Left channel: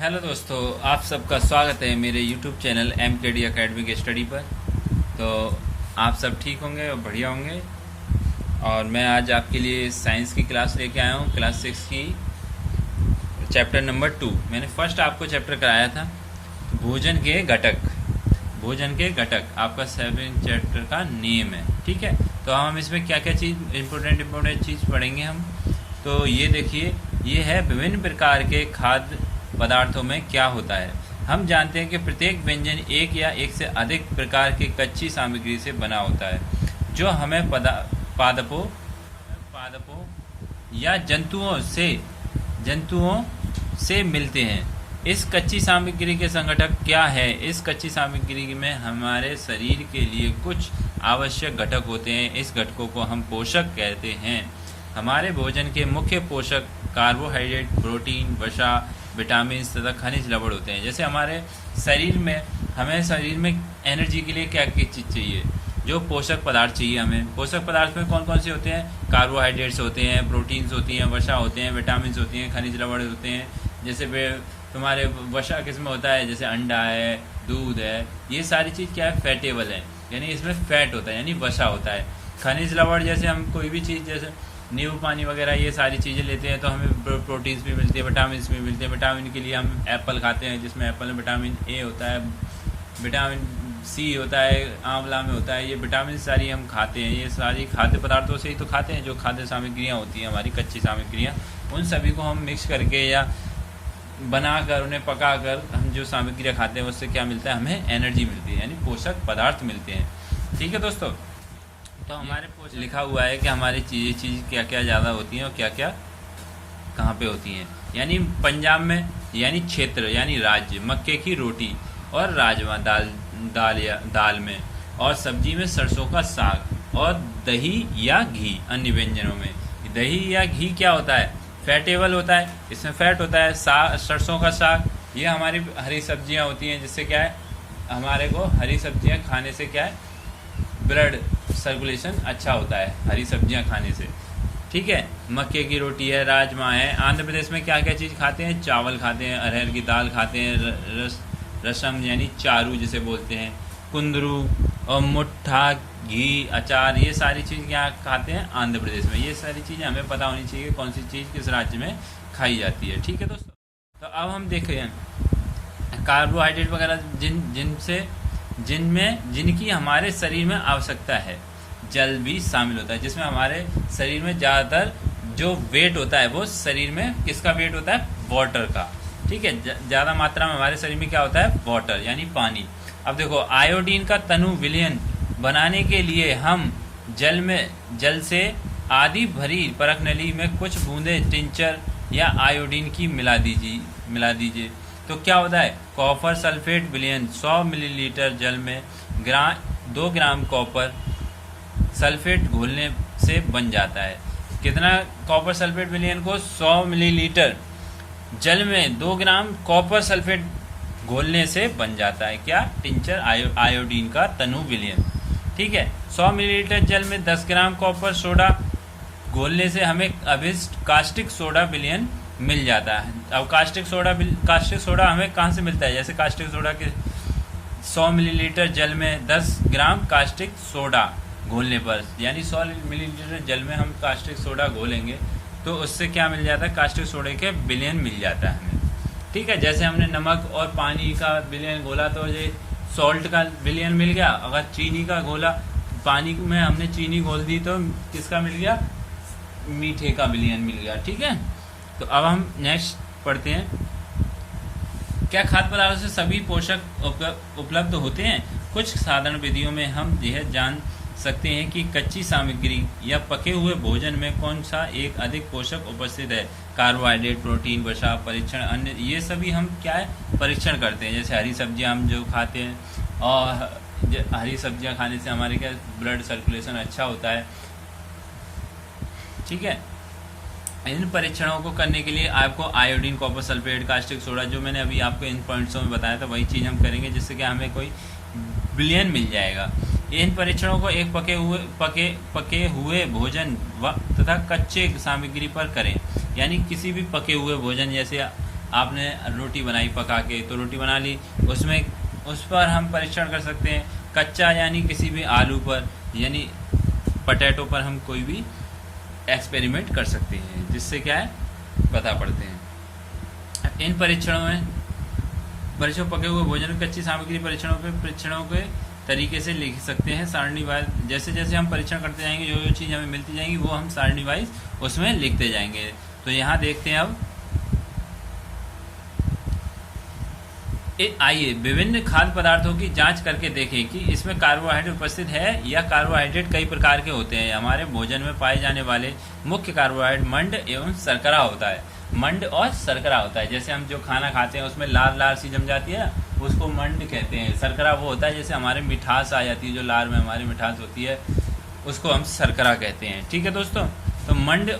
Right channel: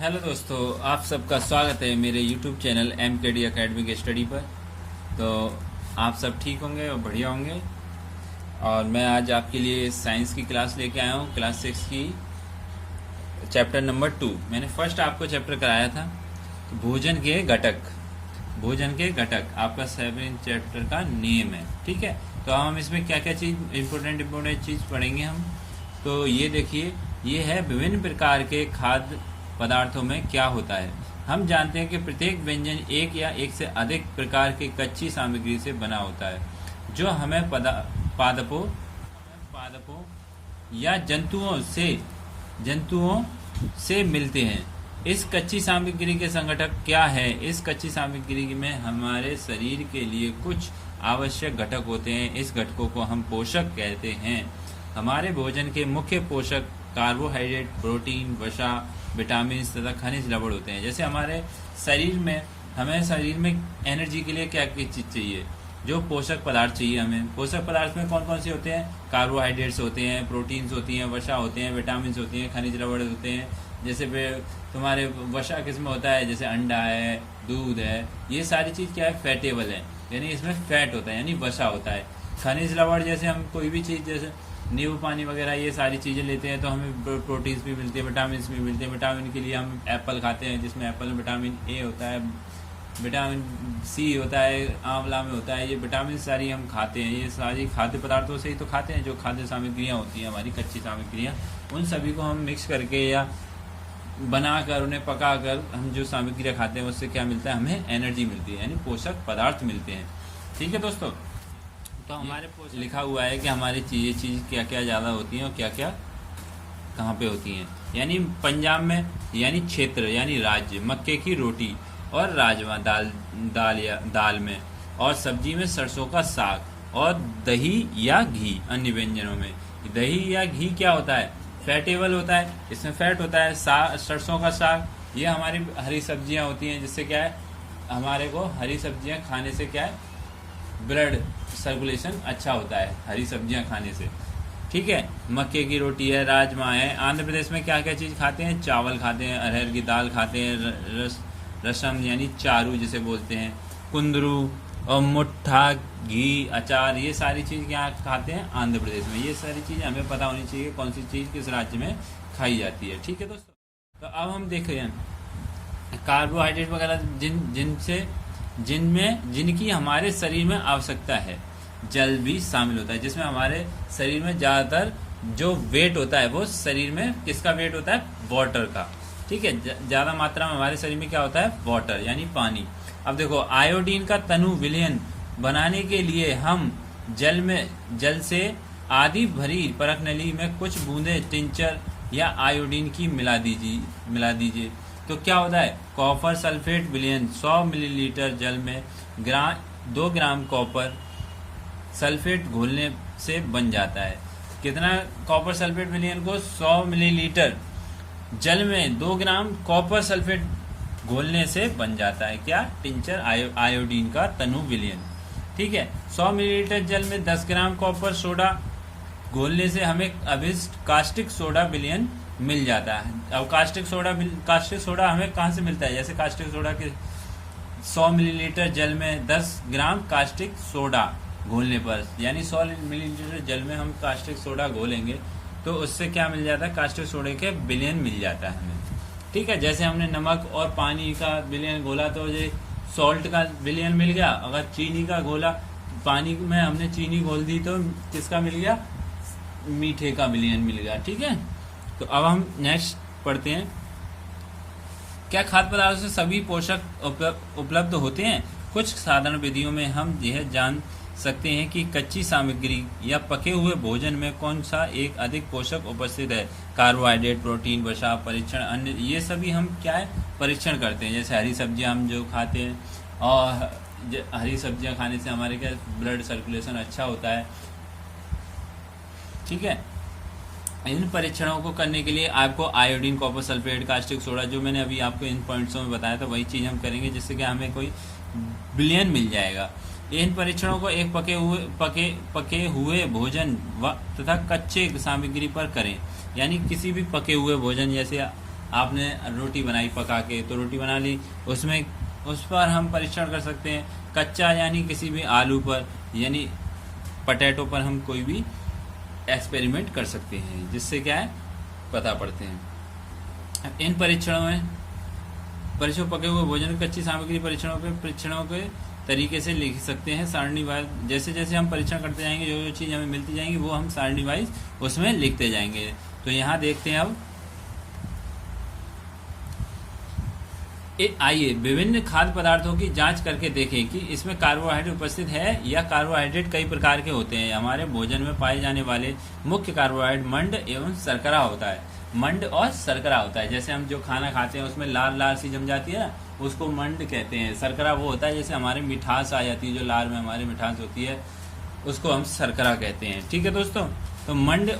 Hello दोस्तों, आप सबका स्वागत है मेरे YouTube channel MKD academic study पर। तो आप सब ठीक होंगे और बढ़िया होंगे। और मैं आज आपके लिए साइंस की क्लास लेके आया हूँ, क्लास 6 की चैप्टर नंबर 2। मैंने फर्स्ट आपको चैप्टर कराया था भोजन के घटक। भोजन के घटक आपका 7 चैप्टर का नेम है, ठीक है। तो हम इसमें क्या क्या चीज़ इम्पोर्टेंट चीज़ पढ़ेंगे हम। तो ये देखिए, ये है विभिन्न प्रकार के खाद्य पदार्थों में क्या होता है। हम जानते हैं कि प्रत्येक व्यंजन एक या एक से अधिक प्रकार की कच्ची सामग्री से बना होता है, जो हमें पादपों या जंतुओं से मिलते हैं। इस कच्ची सामग्री के संगठक क्या है? इस कच्ची सामग्री में हमारे शरीर के लिए कुछ आवश्यक घटक होते हैं। इस घटकों को हम पोषक कहते हैं। हमारे भोजन के मुख्य पोषक कार्बोहाइड्रेट, प्रोटीन, वसा, विटामिन तथा खनिज लवण होते हैं। जैसे हमारे शरीर में एनर्जी के लिए क्या क्या चीज चाहिए, जो पोषक पदार्थ चाहिए हमें। पोषक पदार्थ में कौन कौन से होते हैं? कार्बोहाइड्रेट्स होते हैं, प्रोटीन्स होती हैं, वसा होते हैं, विटामिन होती हैं, खनिज लवण होते हैं। जैसे तुम्हारे वसा किसमें होता है? जैसे अंडा है, दूध है, ये सारी चीज क्या है? फैटेबल है, यानी इसमें फैट होता है, यानी वसा होता है। खनिज लवण जैसे हम कोई भी चीज, जैसे नींबू पानी वगैरह, ये सारी चीज़ें लेते हैं तो हमें प्रोटीन्स भी मिलती है, विटामिन भी मिलते हैं। विटामिन के लिए हम एप्पल खाते हैं, जिसमें एप्पल में विटामिन ए होता है, विटामिन सी होता है, आंवला में होता है। ये विटामिन सारी हम खाते हैं। ये सारी खाद्य पदार्थों से ही तो खाते हैं। जो खाद्य सामग्रियाँ होती हैं हमारी, कच्ची सामग्रियाँ, उन सभी को हम मिक्स करके या बनाकर, उन्हें पकाकर हम जो सामग्रियाँ खाते हैं उससे क्या मिलता है? हमें एनर्जी मिलती है, यानी पोषक पदार्थ मिलते हैं। ठीक है दोस्तों, तो हमारे लिखा हुआ है कि हमारी चीज़ क्या क्या ज़्यादा होती हैं और क्या क्या कहाँ पे होती हैं। यानी पंजाब में, यानी क्षेत्र, यानी राज्य, मक्के की रोटी और राजमा दाल में, और सब्जी में सरसों का साग, और दही या घी अन्य व्यंजनों में। दही या घी क्या होता है? फैटेबल होता है, इसमें फैट होता है। सरसों का साग, ये हमारी हरी सब्जियाँ होती हैं, जिससे क्या है, हमारे को हरी सब्जियाँ खाने से क्या है? ब्लड सर्कुलेशन अच्छा होता है हरी सब्जियां खाने से, ठीक है। मक्के की रोटी है, राजमा है। आंध्र प्रदेश में क्या क्या चीज़ खाते हैं? चावल खाते हैं, अरहर की दाल खाते हैं, रसम यानी चारू जिसे बोलते हैं, कुंदरू और मुट्ठा, घी, अचार, ये सारी चीज़ क्या खाते हैं? आंध्र प्रदेश में। ये सारी चीज़ें हमें पता होनी चाहिए कौन सी चीज़ किस राज्य में खाई जाती है, ठीक है दोस्तों। तो अब हम देखें कार्बोहाइड्रेट वगैरह जिनकी हमारे शरीर में आवश्यकता है। जल भी शामिल होता है, जिसमें हमारे शरीर में ज्यादातर जो वेट होता है वो शरीर में किसका वेट होता है? वाटर का, ठीक है। ज्यादा मात्रा में हमारे शरीर में क्या होता है? वाटर, यानी पानी। अब देखो, आयोडीन का तनु विलयन बनाने के लिए हम जल से आधी भरी परखनली में कुछ बूंदे टिंचर या आयोडीन की मिला दीजिए। तो क्या होता है? कॉपर सल्फेट विलयन 100 मिलीलीटर जल में 2 ग्राम कॉपर सल्फेट घोलने से बन जाता है। कितना कॉपर सल्फेट विलयन को? 100 मिलीलीटर जल में 2 ग्राम कॉपर सल्फेट घोलने से बन जाता है। क्या? टिंचर आयोडीन का तनु विलयन, ठीक है। 100 मिलीलीटर जल में 10 ग्राम कॉपर सोडा घोलने से हमें अभिष्ट कास्टिक सोडा विलयन मिल जाता है। अब कास्टिक सोडा हमें कहाँ से मिलता है? जैसे कास्टिक सोडा के 100 मिलीलीटर जल में 10 ग्राम कास्टिक सोडा घोलने पर, यानी 100 मिलीलीटर जल में हम कास्टिक सोडा घोलेंगे तो उससे क्या मिल जाता है? कास्टिक सोडे के विलयन मिल जाता है हमें, ठीक है। जैसे हमने नमक और पानी का विलयन घोला तो ये सॉल्ट का विलयन मिल गया। अगर चीनी का घोला, पानी में हमने चीनी घोल दी तो किसका मिल गया? मीठे का विलयन मिल गया, ठीक है। तो अब हम नेक्स्ट पढ़ते हैं। क्या खाद्य पदार्थों से सभी पोषक उपलब्ध होते हैं? कुछ साधारण विधियों में हम यह जान सकते हैं कि कच्ची सामग्री या पके हुए भोजन में कौन सा एक अधिक पोषक उपस्थित है। कार्बोहाइड्रेट, प्रोटीन, वसा, परीक्षण, अन्य, ये सभी हम क्या है? परीक्षण करते हैं। जैसे हरी सब्जियां हम जो खाते हैं, और हरी सब्जियां खाने से हमारे क्या ब्लड सर्कुलेशन अच्छा होता है, ठीक है। इन परीक्षणों को करने के लिए आपको iodine, copper sulphate, caustic soda, जो मैंने अभी आपको इन पॉइंट्सों में बताया था, वही चीज़ हम करेंगे, जिससे कि हमें कोई विलयन मिल जाएगा। इन परीक्षणों को एक पके हुए भोजन तथा कच्चे सामग्री पर करें। यानी किसी भी पके हुए भोजन, जैसे आपने रोटी बनाई पका के, तो रोटी बना ली, उसमें उस पर हम परीक्षण कर सकते हैं। कच्चा यानी किसी भी आलू पर यानी पटेटो पर हम कोई भी एक्सपेरिमेंट कर सकते हैं, जिससे क्या है पता पड़ते हैं। इन परीक्षणों पके हुए भोजन कच्ची सामग्री परीक्षणों के तरीके से लिख सकते हैं सारणीवाइज। जैसे जैसे हम परीक्षण करते जाएंगे, जो जो चीज हमें मिलती जाएंगी वो हम सारणीवाइज उसमें लिखते जाएंगे। तो यहाँ देखते हैं अब, आइए विभिन्न खाद्य पदार्थों की जांच करके देखें कि इसमें कार्बोहाइड्रेट उपस्थित है या कार्बोहाइड्रेट कई प्रकार के होते हैं। हमारे भोजन में पाए जाने वाले मुख्य कार्बोहाइड्रेट मंड एवं शर्करा होता है। मंड और शर्करा होता है। जैसे हम जो खाना खाते हैं उसमें लार लार सी जम जाती है, उसको मंड कहते हैं। शर्करा वो होता है जैसे हमारे मिठास आ जाती है, जो लार में हमारी मिठास होती है उसको हम शर्करा कहते हैं। ठीक है दोस्तों, तो मंड,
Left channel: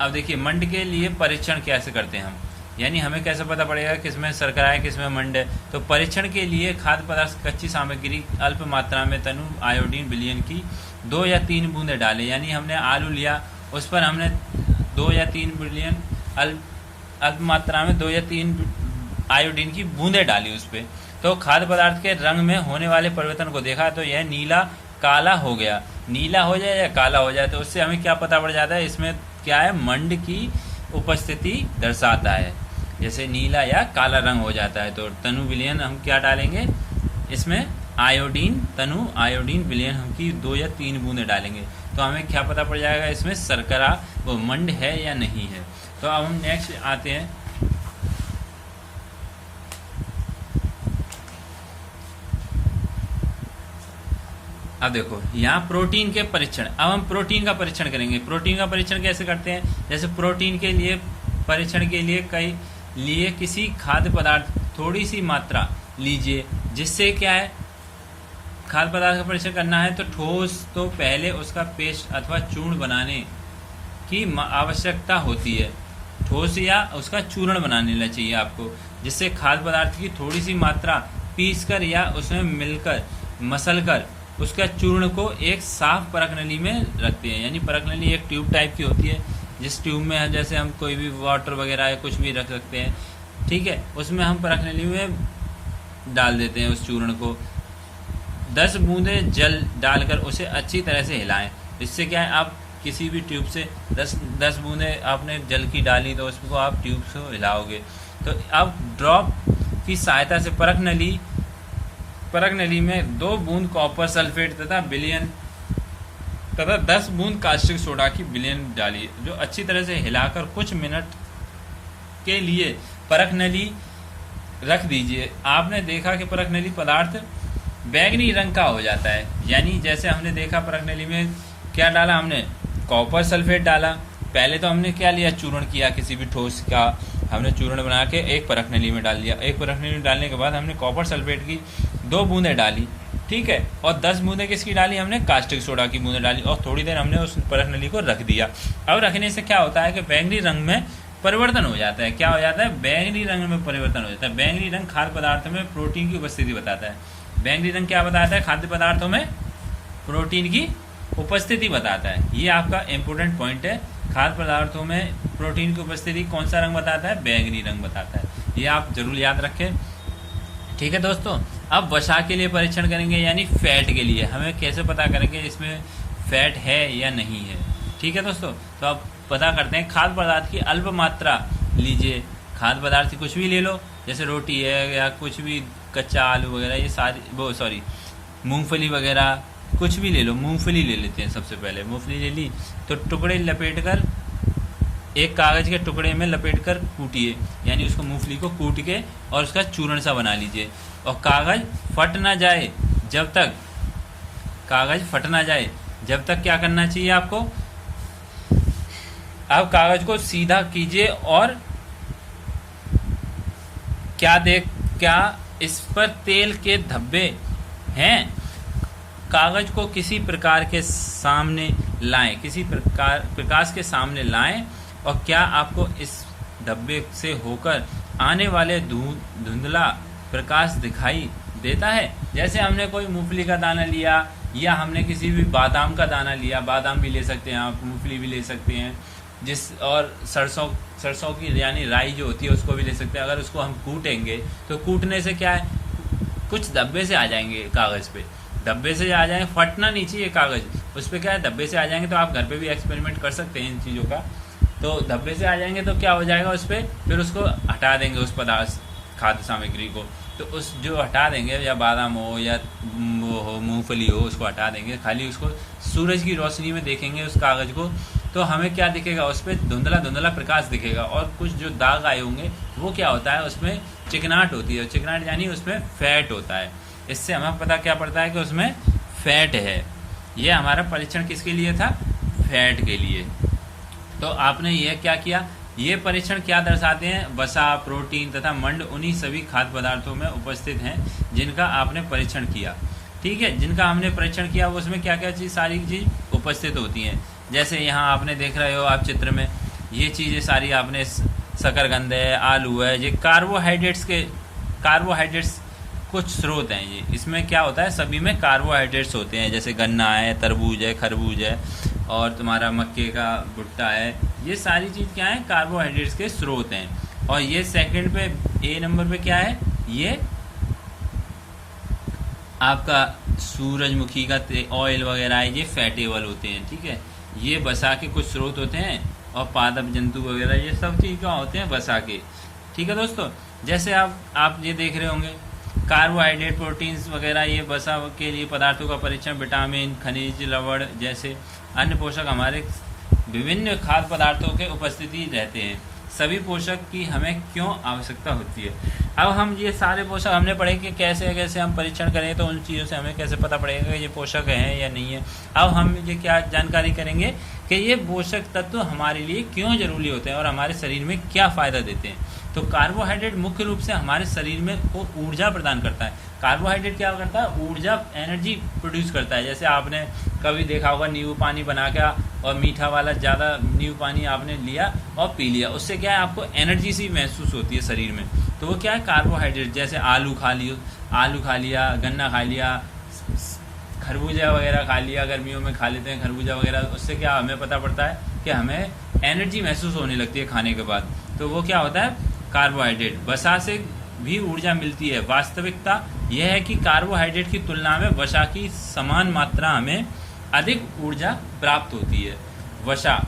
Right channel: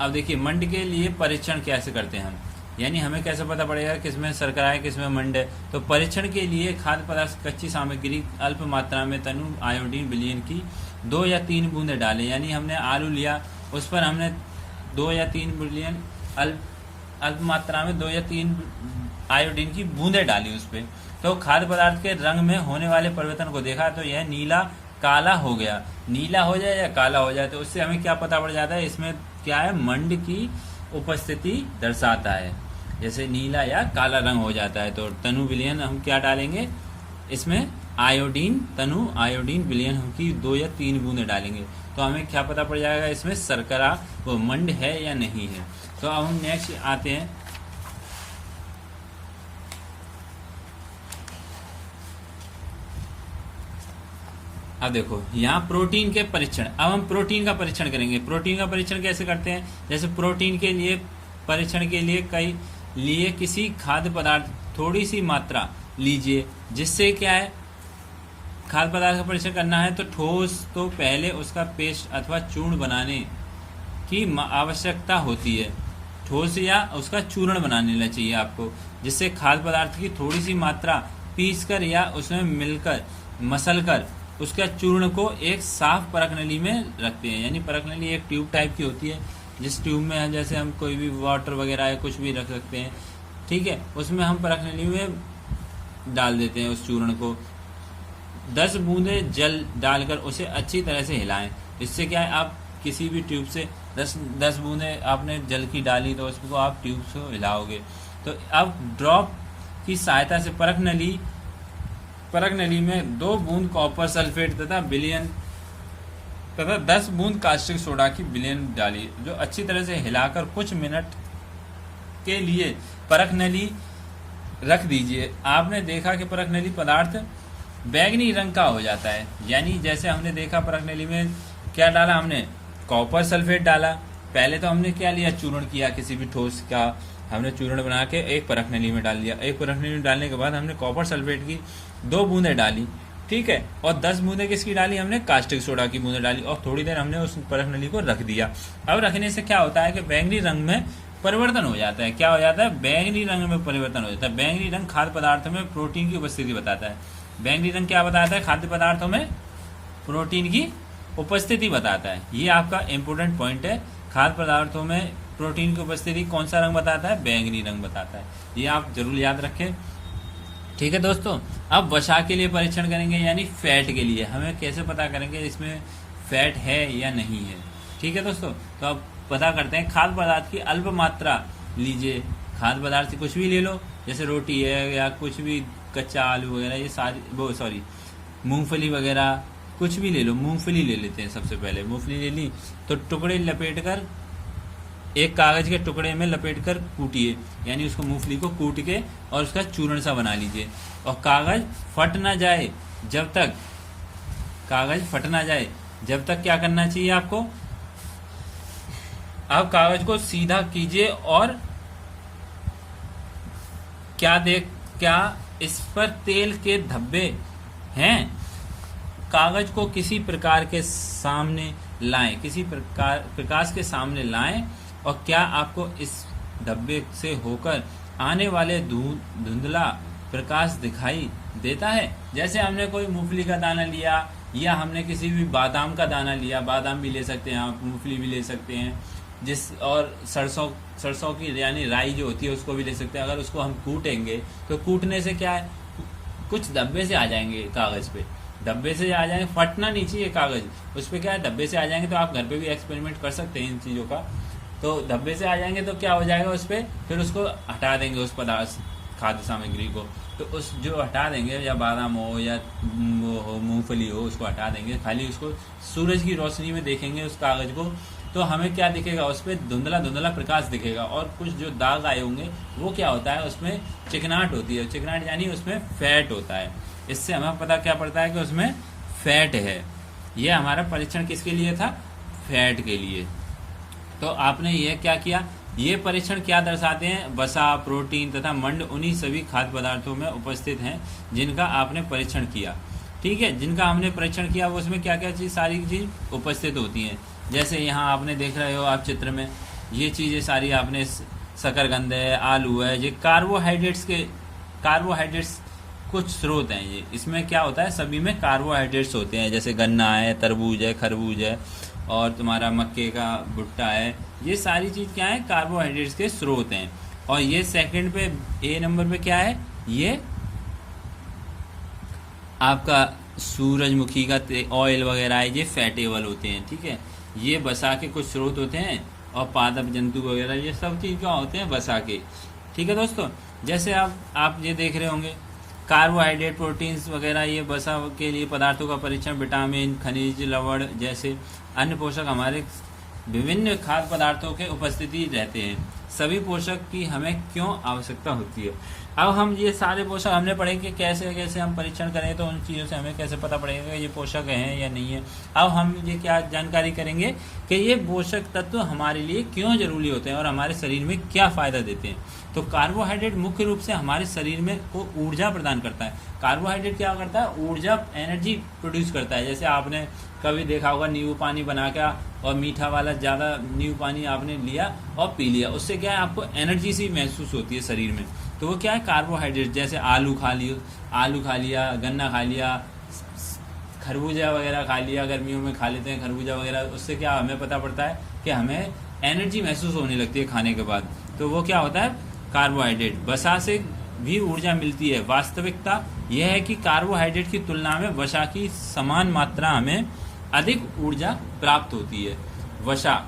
अब देखिए मंड के लिए परीक्षण कैसे करते हैं हम, यानी हमें कैसे पता पड़ेगा किसमें शर्करा है किसमें मंड है। तो परीक्षण के लिए खाद्य पदार्थ कच्ची सामग्री अल्प मात्रा में तनु आयोडीन विलयन की 2 या 3 बूंदे डाले। यानी हमने आलू लिया, उस पर हमने 2 या 3 विलयन अल्प मात्रा में 2 या 3 आयोडीन की बूंदे डाली उस पे। तो खाद्य पदार्थ के रंग में होने वाले परिवर्तन को देखा, तो यह नीला काला हो गया। नीला हो जाए या काला हो जाए तो उससे हमें क्या पता पड़ जाता है, इसमें क्या है मंड की उपस्थिति दर्शाता है। जैसे नीला या काला रंग हो जाता है तो तनु विलयन हम क्या डालेंगे इसमें, आयोडीन, तनु आयोडीन विलयन हम की 2 या 3 बूंदे डालेंगे। तो हमें क्या पता पड़ जाएगा इसमें शर्करा वो मंड है या नहीं है। तो अब हम नेक्स्ट आते हैं, अब देखो यहाँ प्रोटीन के परीक्षण। अब हम प्रोटीन का परीक्षण करेंगे। प्रोटीन का परीक्षण कैसे करते हैं, जैसे प्रोटीन के लिए परीक्षण के लिए किसी खाद्य पदार्थ थोड़ी सी मात्रा लीजिए, जिससे क्या है खाद्य पदार्थ का परीक्षण करना है तो ठोस तो पहले उसका पेस्ट अथवा चूर्ण बनाने की आवश्यकता होती है। ठोस या उसका चूर्ण बनाने चाहिए आपको, जिससे खाद्य पदार्थ की थोड़ी सी मात्रा पीसकर या उसमें मिलकर मसलकर उसका चूर्ण को एक साफ परख नली में रखते हैं। यानी परख नली एक ट्यूब टाइप की होती है, जिस ट्यूब में जैसे हम कोई भी वाटर वगैरह या कुछ भी रख सकते हैं, ठीक है, उसमें हम परख नली में डाल देते हैं उस चूर्ण को। 10 बूंदे जल डालकर उसे अच्छी तरह से हिलाएं। इससे क्या है, आप किसी भी ट्यूब से 10 बूंदे आपने जल की डाली तो उसको आप ट्यूब से हिलाओगे। तो अब ड्रॉप की सहायता से परख नली में 2 बूंद कॉपर सल्फेट तथा 10 बूंद कास्टिक सोडा की विलयन डाली, जो अच्छी तरह से हिलाकर कुछ मिनट के लिए परख नली रख दीजिए। आपने देखा कि परख नली पदार्थ बैंगनी रंग का हो जाता है। यानी जैसे हमने देखा परख नली में क्या डाला, हमने कॉपर सल्फेट डाला। पहले तो हमने क्या लिया, चूर्ण किया, किसी भी ठोस का हमने चूर्ण बना के एक परख नली में डाल दिया। एक परख नली में डालने के बाद हमने कॉपर सल्फेट की 2 बूंदे डाली, ठीक है, और 10 बूंदे किसकी डाली, हमने कास्टिक सोडा की बूंदे डाली, और थोड़ी देर हमने उस परख नली को रख दिया। अब रखने से क्या होता है कि बैंगनी रंग में परिवर्तन हो जाता है। क्या हो जाता है, बैंगनी रंग में परिवर्तन हो जाता है। बैंगनी रंग खाद्य पदार्थों में प्रोटीन की उपस्थिति बताता है। बैंगनी रंग क्या बताता है, खाद्य पदार्थों में प्रोटीन की उपस्थिति बताता है। ये आपका इंपोर्टेंट पॉइंट है। खाद्य पदार्थों में प्रोटीन की उपस्थिति कौन सा रंग बताता है, बैंगनी रंग बताता है। ये आप जरूर याद रखें, ठीक है दोस्तों। अब वसा के लिए परीक्षण करेंगे, यानी फैट के लिए। हमें कैसे पता करेंगे इसमें फैट है या नहीं है, ठीक है दोस्तों। तो अब पता करते हैं। खाद्य पदार्थ की अल्प मात्रा लीजिए। खाद्य पदार्थ कुछ भी ले लो, जैसे रोटी है या कुछ भी कच्चा आलू वगैरह, ये सारी मूंगफली वगैरह कुछ भी ले लो। मूंगफली ले लेते हैं सबसे पहले। मूंगफली ले ली तो टुकड़े लपेटकर एक कागज के टुकड़े में लपेटकर कूटिए, यानी उसको मूंगफली को कूट के और उसका चूर्ण सा बना लीजिए। और कागज फट ना जाए जब तक क्या करना चाहिए आपको, अब कागज को सीधा कीजिए और क्या इस पर तेल के धब्बे हैं। कागज को किसी प्रकार के सामने लाएं, किसी प्रकाश के सामने लाएं, और क्या आपको इस धब्बे से होकर आने वाले धुंधला प्रकाश दिखाई देता है। जैसे हमने कोई मूंगफली का दाना लिया या हमने किसी भी बादाम का दाना लिया, बादाम भी ले सकते हैं आप, मूंगफली भी ले सकते हैं, और सरसों की यानी राई जो होती है उसको भी ले सकते हैं। अगर उसको हम कूटेंगे तो कूटने से क्या है, कुछ धब्बे से आ जाएंगे कागज पे, धब्बे से आ जाएंगे, फटना नहीं चाहिए कागज, उस पर क्या है धब्बे से आ जाएंगे। तो आप घर पे भी एक्सपेरिमेंट कर सकते हैं इन चीज़ों का। तो धब्बे से आ जाएंगे तो क्या हो जाएगा उस पर, फिर उसको हटा देंगे उस पदार्थ खाद्य सामग्री को। तो उस जो हटा देंगे, या बादाम हो या मूंगफली हो, उसको हटा देंगे, खाली उसको सूरज की रोशनी में देखेंगे उस कागज को, तो हमें क्या दिखेगा, उस पर धुंधला धुंधला प्रकाश दिखेगा। और कुछ जो दाग आए होंगे वो क्या होता है, उसमें चिकनाहट होती है, चिकनाहट यानी उसमें फैट होता है। इससे हमें पता क्या पड़ता है कि उसमें फैट है। ये हमारा परीक्षण किसके लिए था, फैट के लिए। तो आपने यह क्या किया, ये परीक्षण क्या दर्शाते हैं, वसा, प्रोटीन तथा मंड उन्हीं सभी खाद्य पदार्थों में उपस्थित हैं जिनका आपने परीक्षण किया। ठीक है, जिनका हमने परीक्षण किया वो उसमें क्या क्या चीज, सारी चीज उपस्थित होती हैं। जैसे यहाँ आपने देख रहे हो आप चित्र में, ये चीजें सारी आपने, शकरकंद है, आलू है, ये कार्बोहाइड्रेट्स कुछ स्रोत हैं। ये इसमें क्या होता है, सभी में कार्बोहाइड्रेट्स होते हैं। जैसे गन्ना है, तरबूज है, खरबूज है, और तुम्हारा मक्के का भुट्टा है, ये सारी चीज क्या है, कार्बोहाइड्रेट्स के स्रोत हैं। और ये सेकंड पे, ए नंबर पे क्या है, ये आपका सूरजमुखी का ऑयल वगैरह है, ये फैटेबल होते हैं। ठीक है, ये वसा के कुछ स्रोत होते हैं, और पादप जंतु वगैरह ये सब चीज क्या होते हैं, वसा के। ठीक है दोस्तों, जैसे आप ये देख रहे होंगे, कार्बोहाइड्रेट, प्रोटीन्स वगैरह, ये वसा के लिए पदार्थों का परीक्षण, विटामिन, खनिज, लवण जैसे अन्य पोषक हमारे विभिन्न खाद्य पदार्थों के उपस्थिति रहते हैं। सभी पोषक की हमें क्यों आवश्यकता होती है। अब हम ये सारे पोषक हमने पढ़े कि कैसे कैसे हम परीक्षण करें, तो उन चीज़ों से हमें कैसे पता पड़ेगा कि ये पोषक हैं या नहीं है। अब हम ये क्या जानकारी करेंगे कि ये पोषक तत्व हमारे लिए क्यों जरूरी होते हैं और हमारे शरीर में क्या फायदा देते हैं। तो कार्बोहाइड्रेट मुख्य रूप से हमारे शरीर में को ऊर्जा प्रदान करता है। कार्बोहाइड्रेट क्या करता है, ऊर्जा, एनर्जी प्रोड्यूस करता है। जैसे आपने कभी देखा होगा, नींबू पानी बना के और मीठा वाला ज्यादा नींबू पानी आपने लिया और पी लिया, उससे क्या है, आपको एनर्जी सी महसूस होती है शरीर में। तो वो क्या है, कार्बोहाइड्रेट। जैसे आलू खा लिया, गन्ना खा लिया, खरबूजा वगैरह खा लिया, गर्मियों में खा लेते हैं खरबूजा वगैरह, उससे क्या हमें पता पड़ता है कि हमें एनर्जी महसूस होने लगती है खाने के बाद। तो वो क्या होता है, कार्बोहाइड्रेट। वसा से भी ऊर्जा मिलती है। वास्तविकता यह है कि कार्बोहाइड्रेट की तुलना में वसा की समान मात्रा हमें अधिक ऊर्जा प्राप्त होती है। वसा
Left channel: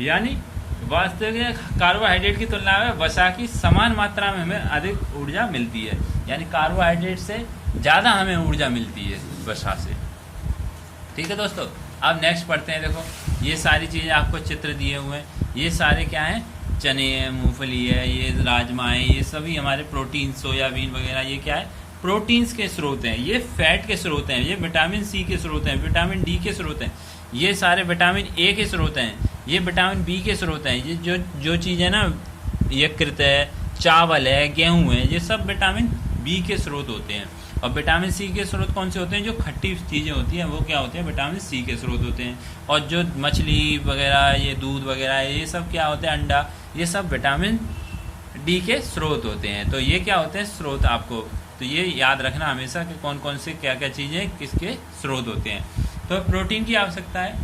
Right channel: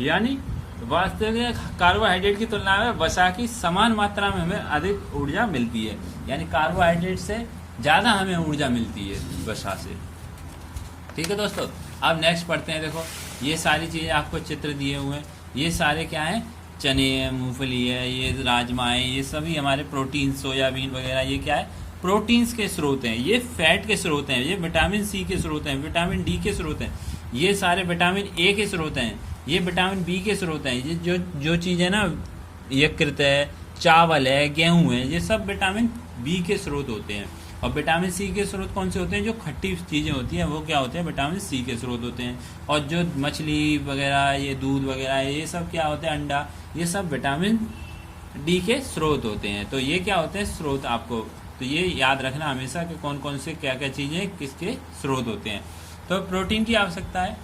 यानी वास्तविक कार्बोहाइड्रेट की तुलना में वसा की समान मात्रा में हमें अधिक ऊर्जा मिलती है, यानी कार्बोहाइड्रेट से ज्यादा हमें ऊर्जा मिलती है वसा से। ठीक है दोस्तों, अब नेक्स्ट पढ़ते हैं। देखो, ये सारी चीजें आपको चित्र दिए हुए हैं, ये सारे क्या हैं, चने है, मूंगफली है, ये राजमा है, ये सभी हमारे प्रोटीन, सोयाबीन वगैरह, ये क्या है, प्रोटीन्स के स्रोत हैं। ये फैट के स्रोत हैं, ये विटामिन सी के स्रोत हैं, विटामिन डी के स्रोत हैं, ये सारे विटामिन ए के स्रोत हैं, ये विटामिन बी के स्रोत हैं। ये जो चीज है ना, यकृत है, चावल है, गेहूं है, ये सब विटामिन बी के स्रोत होते हैं। और विटामिन सी के स्रोत कौन से होते हैं, जो खट्टी चीजें होती हैं वो क्या होते हैं, विटामिन सी के स्रोत होते हैं। और जो मछली वगैरह, ये दूध वगैरह, ये सब क्या होते हैं, अंडा, ये सब विटामिन डी के स्रोत होते हैं। तो ये क्या होते हैं, स्रोत। आपको तो ये याद रखना हमेशा कि कौन कौन से क्या क्या चीजें किसके स्रोत होते हैं। तो प्रोटीन की आवश्यकता है,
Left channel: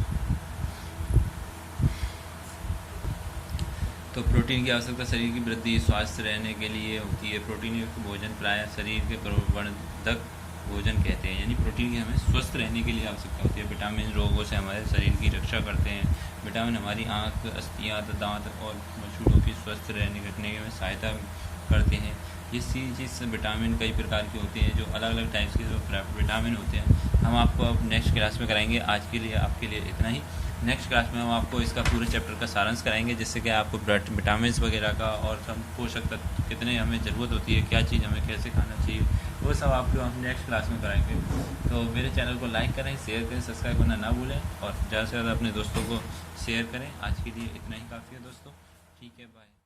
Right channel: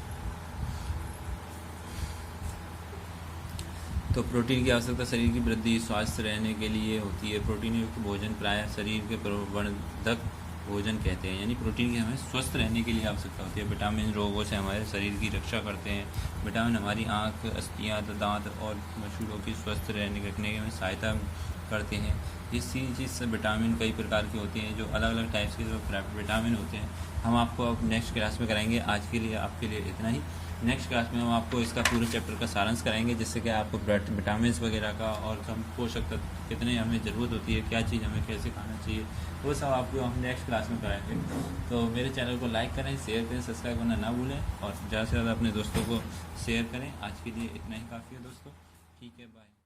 तो प्रोटीन की आवश्यकता शरीर की वृद्धि, स्वस्थ रहने के लिए होती है। प्रोटीन युक्त भोजन प्रायः शरीर के प्रवर्धक भोजन कहते हैं, यानी प्रोटीन की हमें स्वस्थ रहने के लिए आवश्यकता होती है। विटामिन रोगों से हमारे शरीर की रक्षा करते हैं। विटामिन हमारी आंख, अस्थियां, दांत और मसूड़ों की स्वस्थ रखने में सहायता करते हैं। इस चीज़ से विटामिन कई प्रकार के होते हैं, जो अलग अलग टाइप्स के जो विटामिन होते हैं, हम आपको अब नेक्स्ट क्लास में कराएंगे। आज के लिए आपके लिए इतना ही। नेक्स्ट क्लास में हम आपको इसका पूरे चैप्टर का सारांश कराएंगे, जिससे कि आपको विटामिन वगैरह का और सब पोषक तत्व कितने हमें ज़रूरत होती है, क्या चीज़ हमें कैसे खाना चाहिए, वो सब आपको हम नेक्स्ट क्लास में कराएंगे। तो मेरे चैनल को लाइक करें, शेयर करें, सब्सक्राइब करना ना भूलें, और ज़्यादा से ज़्यादा अपने दोस्तों को शेयर करें। आज के लिए इतना ही काफ़ी है दोस्तों। ठीक है, बाय।